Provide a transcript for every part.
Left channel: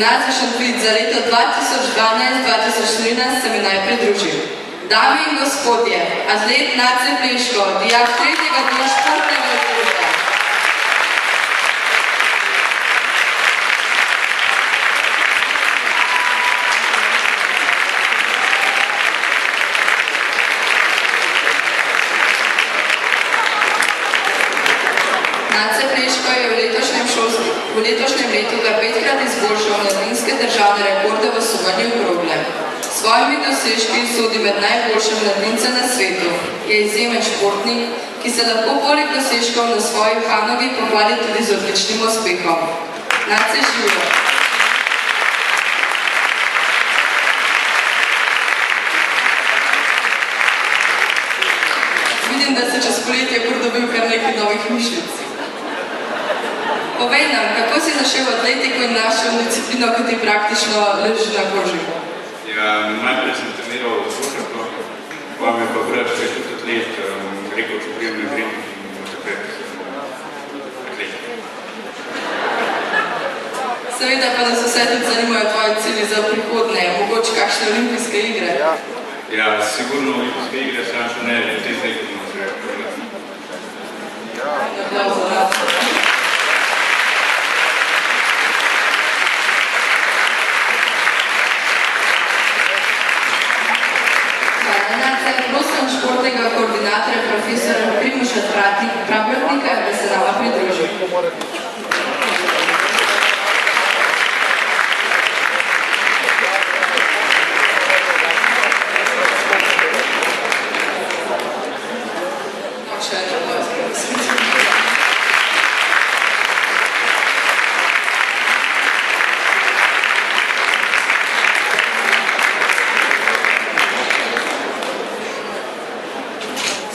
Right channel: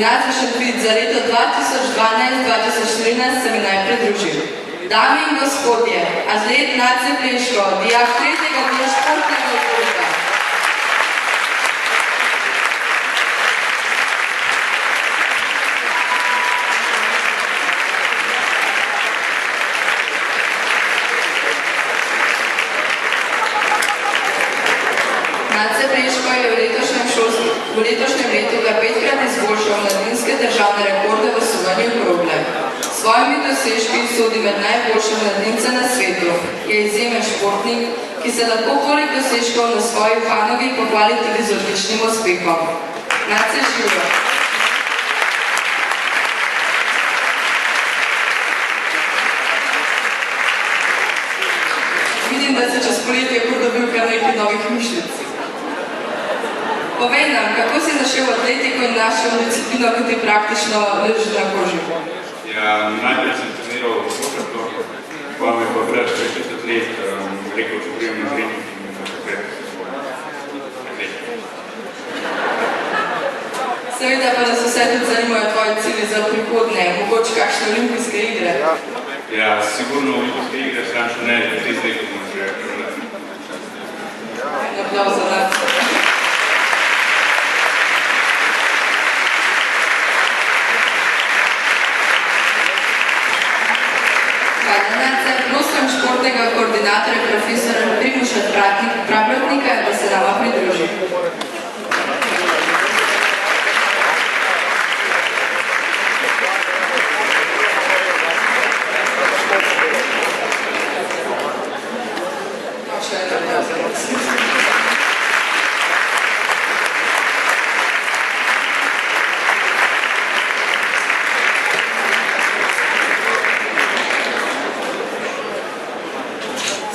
Gimnazij Šentvid za leto 2012-2013 se mi naj pridružil. Dame in gospodje, atlet Nace Pleško, dijak 3. dne športnega odbora. Nace Pleško je v letošnjem letu ga 5-krat izboljšal mladinske državne rekorde v sumanju krogle. S svojimi dosežki sodi med najboljše mladince na svetu. Je izjemen športnik, ki se lahko poleg dosežkov na svoji panogi pohvali tudi z odličnim uspehom. Nace živijo! Vidim, da se čez poletje pridobil kar nekaj novih mišljic. Povej nam, kako si zašel v atletiko in našel disciplino, ki ti praktično leži na koži? Ja, najprej sem treniral v košarko, pa me pa brat še atlet rekel, če prijem na trening in takrat atlet. Seveda pa nas vse tudi zanimajo tvoji cilji za prihodnje, mogoče kakšne olimpijske igre. Ja, sigurno olimpijske igre, sam še ne, te zdaj, ko bomo še prelati. Aplauz za nas. Prosim športnega koordinatorja profesora Primoža Praprotnika, da se nama pridruži.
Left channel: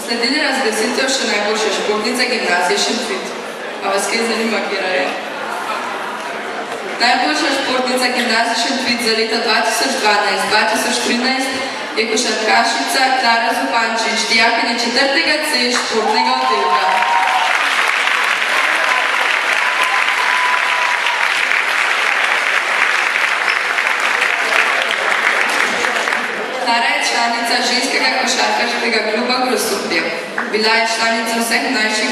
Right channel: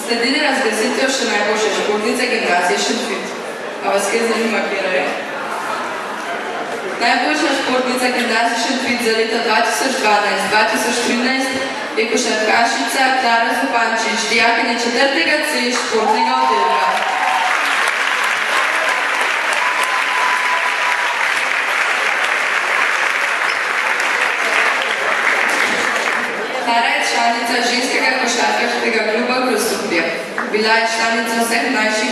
Sledili razglasitev še najboljše športnice Gimnazije Šentvid. A vas kaj zanima, kjera je? Najboljša športnica Gimnazije Šentvid za leto 2012-2013 je košarkašica Klara Zupančič, dijakinja 4. C športnega oddelka. Klara je članica ženskega košarkaškega kluba Grosuplje. Bila je članica vseh najših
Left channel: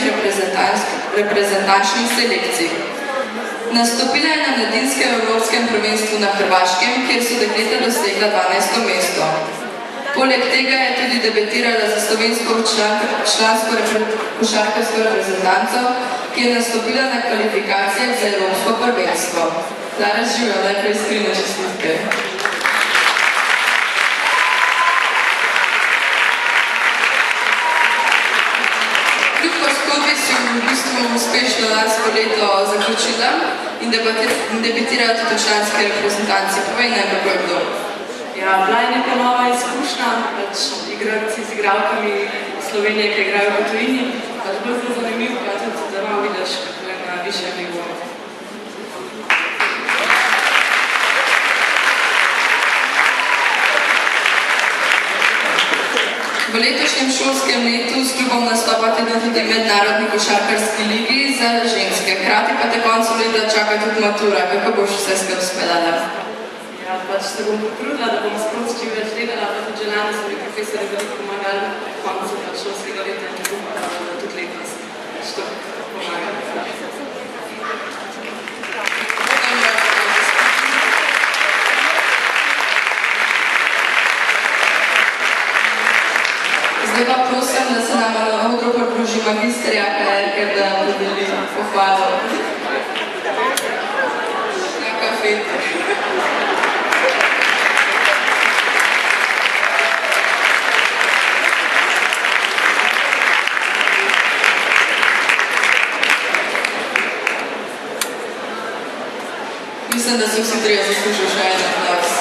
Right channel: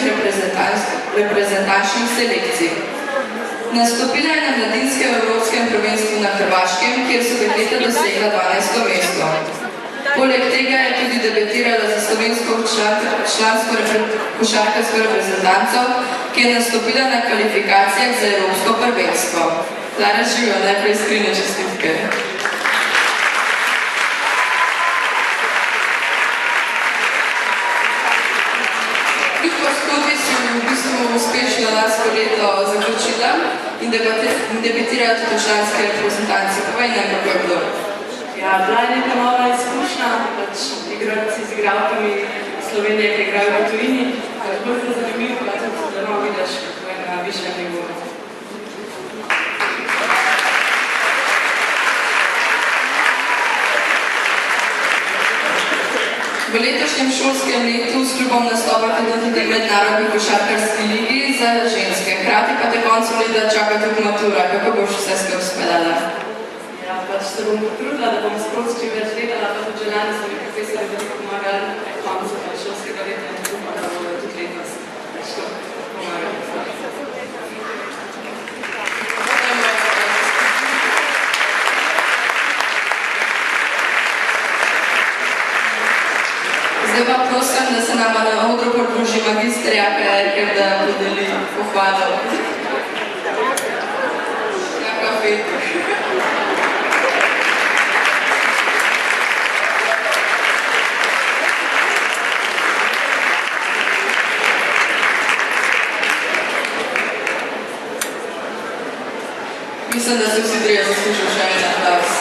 reprezentančnih selekcij. Nastopila je na mladinskem evropskem prvenstvu na Hrvaškem, kjer so dekleta dosegla 12. mesto. Poleg tega je tudi debitirala za slovensko člansko košarkarsko reprezentanco, ki je nastopila na kvalifikacijah za evropsko prvenstvo. Klara živijo, najprej iskrene čestitke. V bistvu uspešno lansko leto zaključila in debitirala tudi v članski reprezentanci. Povej nam, kako je bilo? Ja, bila je neka nova izkušnja, pač igrati z igralkami Slovenije, ki igrajo v tujini. Bilo zelo zanimivo, da malo vidiš, kako je na višjem nivoju. V letošnjem šolskem letu s klubom nastopate tudi mednarodni košarkarski ligi za ženske. Hkrati pa te koncu leta čaka tudi matura. Kako boš vse skupaj speljala? Ja, pač se bom potrudila, da bom sproti čim več gledala, pa tudi že lani so mi profesori veliko pomagali koncu šolskega leta in upam, da bodo tudi letos to pomagali. Zdaj pa prosim, da se nama na odru pridruži magister Jaka Erker, da podeli pohvalo. Jaka fet. Mislim, da se vsi trije zaslužijo še en aplauz.